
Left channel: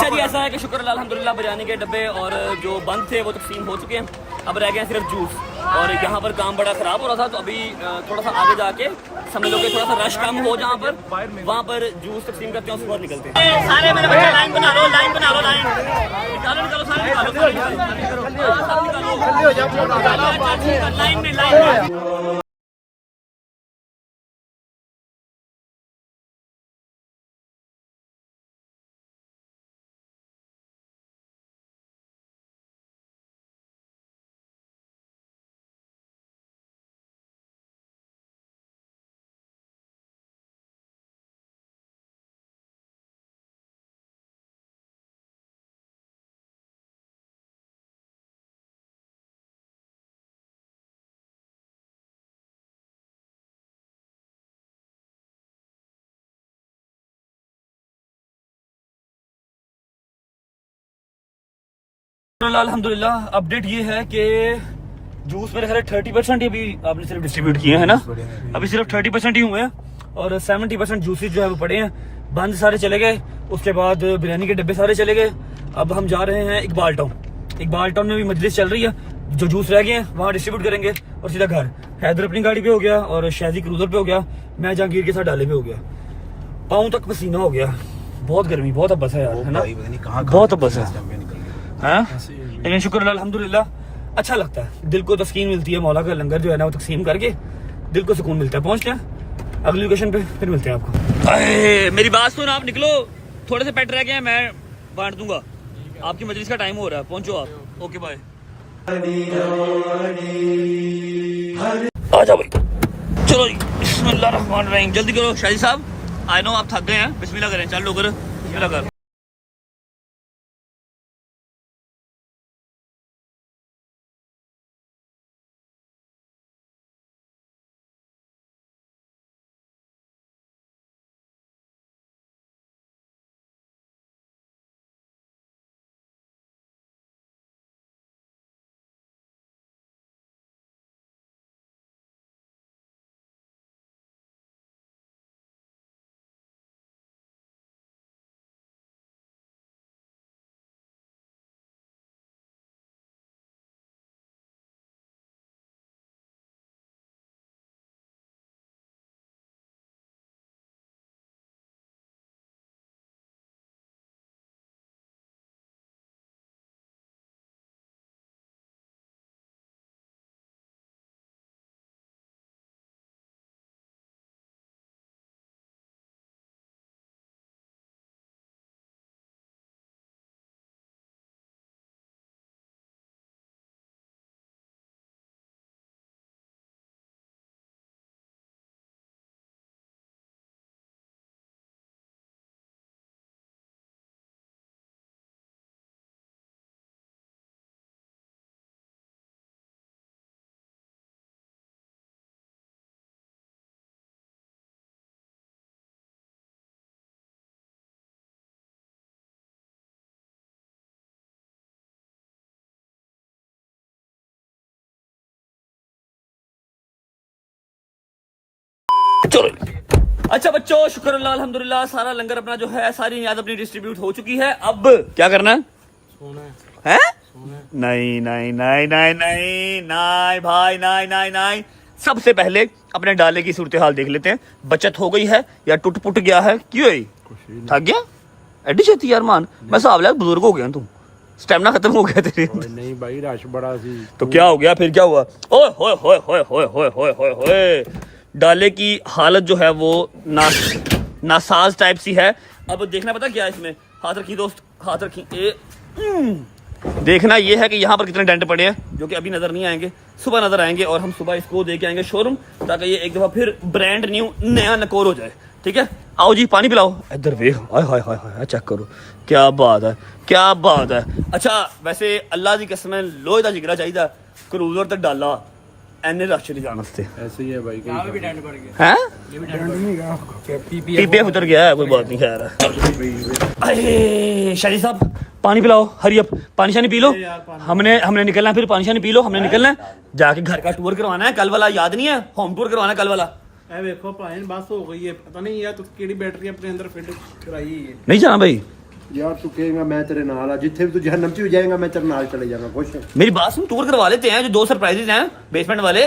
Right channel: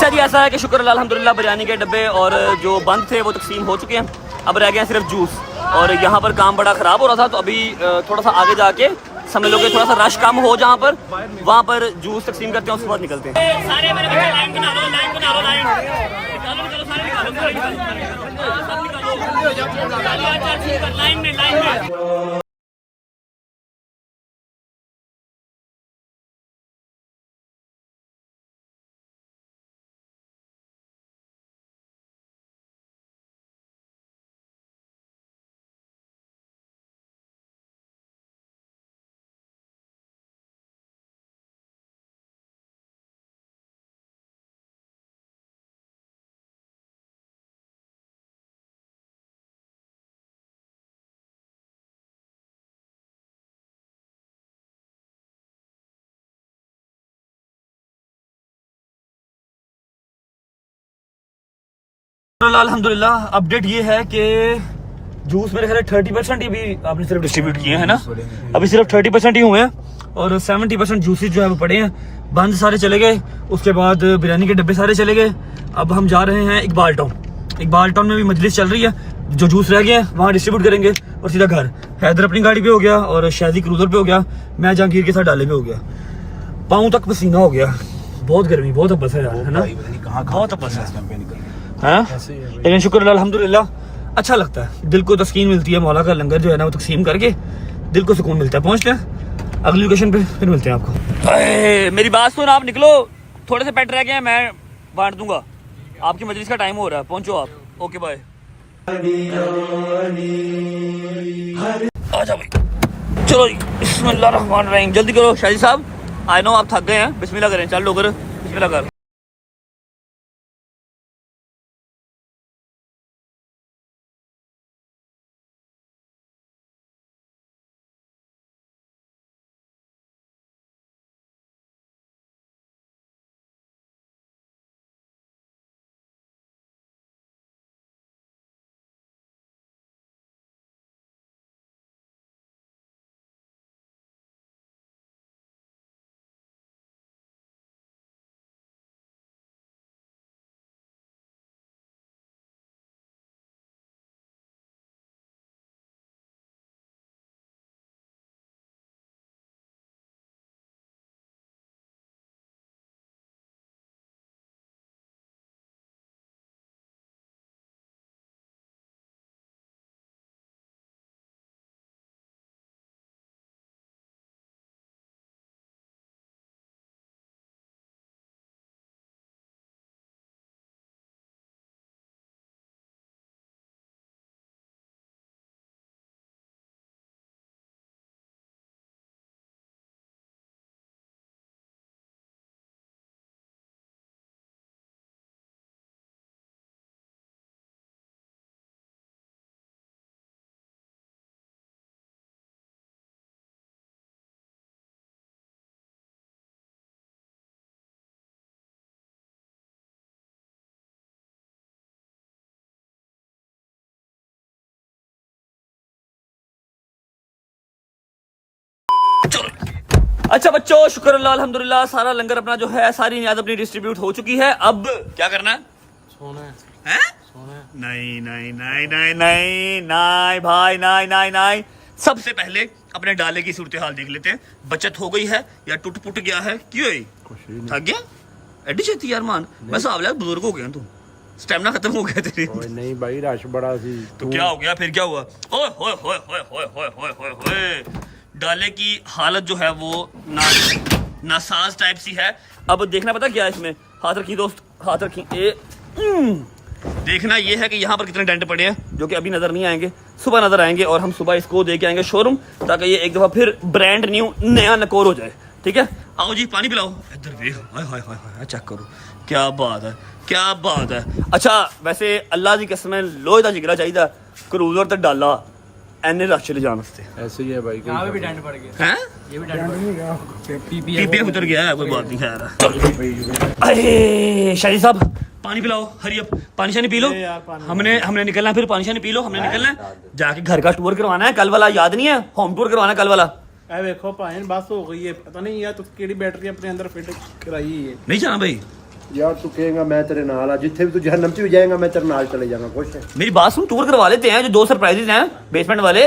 अच्छा जी, ऐसा है कि शुक्र अल्हम्दुलिल्लाह बिरयानी के डब्बे और जो बंद थे वो तकसीम हो चुके हैं। अब रह गए सिर्फ जूस, और यहाँ पर काम बड़ा ख़राब हो रहा था, तो अभी थोड़ा सा आगे जाके समझ लो कि थोड़ा सा रश कम हो जहाँ पर, वहाँ पर जूस तकसीम करते हैं, उसके बाद निकलते हैं। सारे मेरे बच्चे लाइन बना लो, लाइन बना लो, लाइन निकालो, निकालो, सारे निकालो, सारे निकालो, लाइन में, लाइन में। अल्हम्दुलिल्लाह अपडेट ये है कि जूस मेरे ख्याल 30% अभी आपने सिर्फ डिस्ट्रीब्यूट किए हैं ना, अभी सिर्फ 30% ही हुए हैं, और 70% जूसेस जो है वो पड़े हैं। बंद सारे चले गए, उसके बाद बिरयानी के डब्बे सारे चले गए। अब हम जा रहे हैं इकबाल टाउन। इकबाल टाउन में भी मजलिस चल रही है, जो जूस रह गए हैं वहाँ डिस्ट्रीब्यूट करेंगे और सीधा घर। हैदर अपनी गाड़ी पे हो गया और शादी क्रूजर पे हो गया, मैं जहांगीर के साथ डाले पे हो गया। पाँव तक पसीना हो गया, बहुत गर्मी, बहुत अब्बस है यार, है ना, बहुत अब्बस है, हाँ? लेकिन शुक्र अल्हम्दुलिल्लाह अच्छा लगता है, दिल को तस्कीन मिलती है। मौला का लंगर जो है ना वो तकसीम करके दिल को सुकून मिलता है। पहुंचते हैं अगली लोकेशन पे, फिर मिलते हैं आपको। मेरी बात सुन, आप निकलो, थोड़े से पेट रह गए हैं, मैं बांट दूंगा। आपकी मजलिस का टाइम हो रहा है, पहुंचो आप। Okay bye. आ जाओ भाई, चलो जी, बिस्मिल्लाह रहमान रहीम। जल्दी करो शाहिद साहब, आई नो आप थक गए हैं, बिस्मिल्लाह करें, चल लो कर, बिस्मिल्लाह कर। चलो अच्छा बच्चों, शुक्र अल्लाह अल्हम्दुलिल्लाह, सारा लंगर अपना जो है, सारी नियाज अपनी डिस्ट्रीब्यूट हो चुकी है। अब क्या करना है? सोना है, सोना है? नहीं नहीं नहीं नहीं नहीं नहीं भाई, नहीं नहीं नहीं। सबसे पहले अपने डाले की सूरत हाल देख लेते हैं, बचत हो गई है या टूट पुट गया है? क्यों थक गया एडी छेती यार मान, मैं हिसाब लिया बुजुर्ग हो गया, तुम स्टेमिना खत्म हो गया तेरे। नहीं भाई, रश बड़ा सी। तो क्या हो गया फिर, क्या हुआ? ओए होए होए होए होए होए होए होए होए, डाले की हालत जो है वो नासाज टाइप सी है। अब देखना पता क्या है इसमें, हाथ रखी दोस्त, हाथ रखी। देखना ये है कि यहाँ पर कितने डेंट पड़े हैं, जो कि अभी नजर नहीं आएंगे, सुबह नजर आएंगे, और हम सुबह इसको दे के आएंगे शोरूम, ताकि ये एक दफा फिर ब्रांड न्यू नया नकोर हो जाए। ठीक है, आओ जी पानी पिलाओ। इधर देख, हाय हाय हाय हाय, चेक करो, क्या बात है, क्या बात है। अच्छा वैसे अल्लाह की कसम लोहे का जिगरा चाहिए, क्रूजर तो डाला एने रश चले जाने से। ऐसे ही है भाई, भी डेंट पड़ गया हैं, ये भी डेंट पड़ गया, पीपीएम उतर गया है, कोई बात नहीं खैर। अरे शाहिद साहब पानी पिलाओ, हरी अप, पानी शानी पी लो। हमने निकलना है, फिर पानी शानी पी लो, हमने निकलना है, जाके घर का टूर करवाना है, कल वाला याद नहीं है, होम टूर करवाना है कल वाला। ए देखो भाई बस हो गई है, पता नहीं यार तू केड़ी बैटरी अपने अंदर फिट कराई है। नहीं जाना भाई, यार तू कहेगा मैं तेरे नाल जिथे भी तू जहन्नम च भी जाएगा मैं तेरे नाल चले जाऊंगा खुश है मेरी बात सुन, टूर करवा लेते हैं। जो 2 सरप्राइजेज हैं बेसमेंट वाले,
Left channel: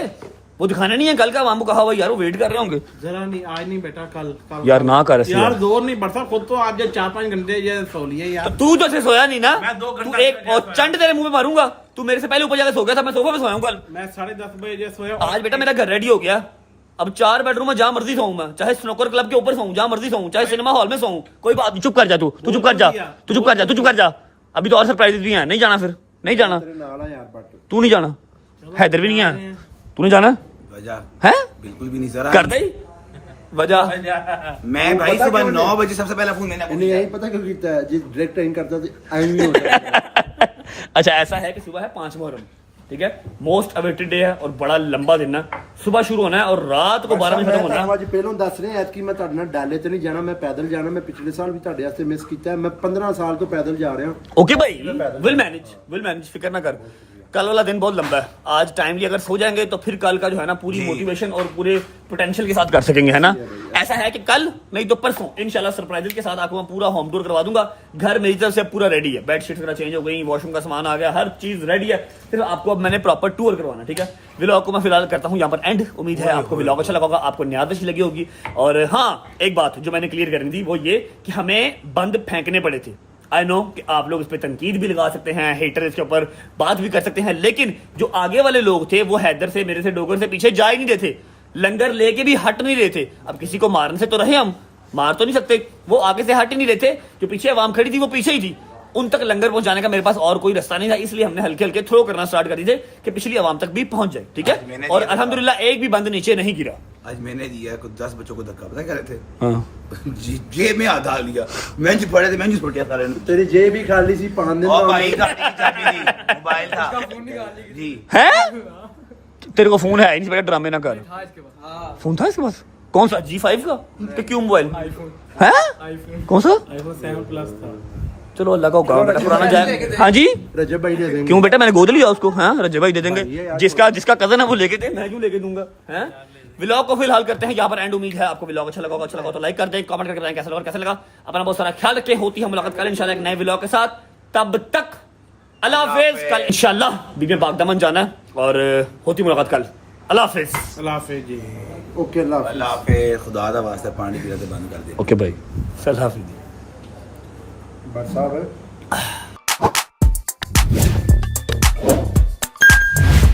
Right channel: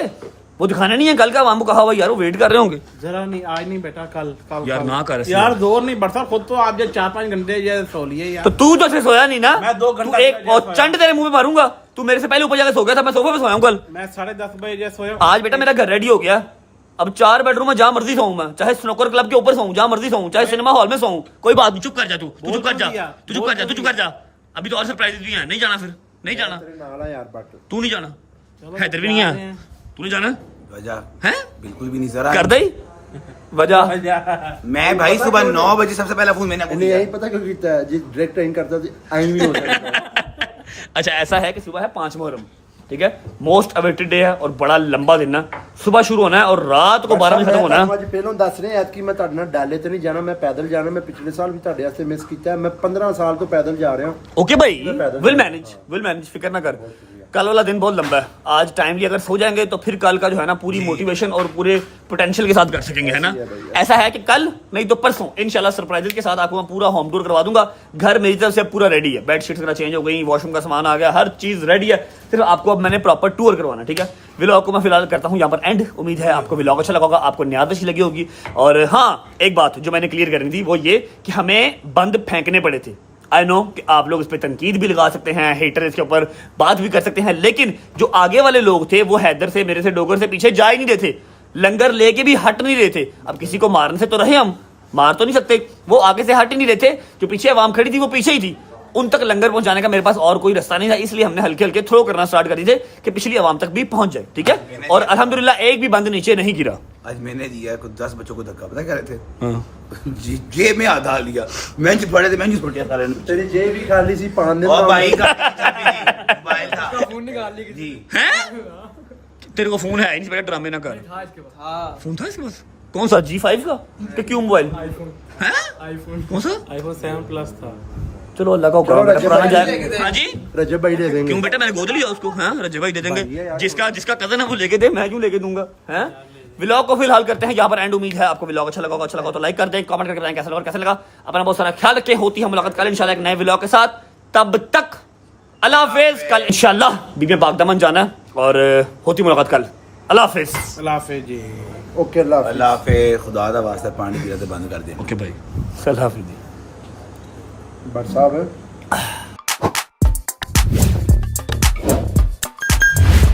वो दिखाने नहीं है कल का। हमको कहा हुआ यार, वो वेट कर रहे होंगे। जरा नहीं, आज नहीं बेटा, कल कल यार ना कर ऐसे यार, यार। दौर नहीं बढ़ता खुद तो आप जो 4-5 घंटे ये सो लिए यार। तो तू तो ऐसे सोया नहीं ना, मैं 2 तू घंटा एक और चंड तेरे मुंह पे मारूंगा। तू मेरे से पहले ऊपर जाकर सो गया था, मैं सोफे पे सोया हूं कल। मैं 10:30 बजे सोया। आज बेटा मेरा घर रेडी हो गया। अब 4 बेडरूम में जहां मर्जी सोऊं मैं, चाहे स्नूकर क्लब के ऊपर सोऊं, जहां मर्जी सोऊं, चाहे सिनेमा हॉल में सोऊं, कोई बात नहीं। चुप कर जा तू चुप कर जा, तू चुप कर जा, तू चुप कर जा। अभी तो और सरप्राइज भी हैं। नहीं जाना, फिर नहीं जाना। तेरे नाल आ यार बट तू नहीं जाना, हैदर भी नहीं है। तू नहीं जाना वजह है? बिल्कुल भी नहीं सर। कर दे वजह। मैं भाई सुबह 9 बजे सबसे पहला फोन मैंने इन्हें यही पता क्यों कीता है जी, डायरेक्ट इन करता तो आई भी हो जाता अच्छा ऐसा है कि सुबह है 5 मुहर्रम, ठीक है, मोस्ट अवेटेड डे है और बड़ा लंबा दिन है। सुबह शुरू होना है और रात को 12 बजे खत्म होना है। ਅੱਜ ਪਹਿਲਾਂ ਦੱਸ ਰਿਹਾ ਐਤਕੀ ਮੈਂ ਤੁਹਾਡੇ ਨਾਲ ਡਾਲੇ ਤੇ ਨਹੀਂ ਜਾਣਾ, ਮੈਂ ਪੈਦਲ ਜਾਣਾ। ਮੈਂ ਪਿਛਲੇ ਸਾਲ ਵੀ ਤੁਹਾਡੇ ਵਾਸਤੇ ਮਿਸ ਕੀਤਾ ਹੈ। ਮੈਂ 15 ਸਾਲ ਤੋਂ ਪੈਦਲ जा रहा हूं। ओके भाई, विल मैनेज, फिक्र ना कर। कल वाला दिन बहुत लंबा है। आज टाइमली अगर सो जाएंगे तो फिर कल का जो है ना पूरी मोटिवेशन और पूरे पोटेंशियल के साथ कर सकेंगे, है ना। ऐसा है कि कल नहीं तो परसों इंशाल्लाह सरप्राइजेस के साथ आपको मैं पूरा होम टूर करवा दूंगा। घर मेरी तरफ से पूरा रेडी है, बेडशीट्स वगैरह चेंज हो गई, वॉशरूम का सामान आ गया, हर चीज रेडी है। सिर्फ आपको अब मैंने प्रॉपर टूर करवाना, ठीक है। व्लॉग को मैं फिलहाल करता हूँ यहाँ पर एंड। उम्मीद है आपको व्लॉग अच्छा लगा होगा, आपको न्याद अच्छी लगी होगी। और हाँ, एक बात जो मैंने क्लियर करनी थी वो ये कि हमें बंद फेंकने पड़े थे। आई नो कि आप लोग इस पर तनकीद भी लगा सकते हैं, हेटर इसके ऊपर बात भी कर सकते हैं, लेकिन जो आगे वाले लोग थे वो हैदर से, मेरे से, डोगर से पीछे जा ही नहीं रहे थे। लंगर लेके भी हट नहीं रहे थे। अब किसी को मारने से तो रहे, हम मार तो नहीं सकते। वो आगे से हट ही नहीं रहे थे। जो पीछे आवाम खड़ी थी वो पीछे ही थी। उन तक लंगर पहुंचाने का मेरे पास और कोई रास्ता नहीं था, इसलिए हमने हल्के हल्के थ्रो करना स्टार्ट कर दिए थे कि पिछली आवाम तक भी पहुंच जाए, ठीक है। और अल्हम्दुलिल्लाह एक भी बंद नीचे नहीं गिरा। आज मैंने दिया कुछ 10 बच्चों को धक्का, पता क्या रहे थे जी जेब में आधा लिया, बेंच पड़े थे, बेंच छोटे सारे ने। तेरी जेब भी खाली सी, पान दिन और भाई का मोबाइल था, फोन निकाल ली जी। हैं? तेरे को फोन है नहीं, ड्रामे ना कर। फोन था इसके पास? कौन सा? G5 का? कि क्यों मोबाइल? आईफोन। कौन सा? iPhone 7 Plus था। चलो अल्लाह का हुक्म, बेटा पुराना जाए। हाँ जी, रजब भाई दे देंगे। क्यों बेटा, मैंने गोद लिया उसको। हाँ, रजब भाई दे देंगे। जिसका कजन है वो लेके दे, मैं क्यों लेके दूंगा। हैं? व्लॉग को फिलहाल करते हैं यहाँ पर एंड। उम्मीद है आपको व्लॉग अच्छा लगा होगा तो लाइक कर दें, कमेंट करके बताएं कैसा लगा और कैसा लगा। अपना बहुत सारा ख्याल रखें। होती है मुलाकात कल इंशाल्लाह एक नए व्लॉग के साथ। तब तक अल्लाह हाफिज। कल इंशाल्लाह बीबी बागदामन जाना है और होती मुलाकात कल। अल्लाह हाफिज। अल्लाह हाफिज जी। ओके अल्लाह हाफिज। अल्लाह पे खुदा दा वास्ता पानी पीना तो बंद कर दे। ओके भाई, अल्लाह हाफिज। बट साहब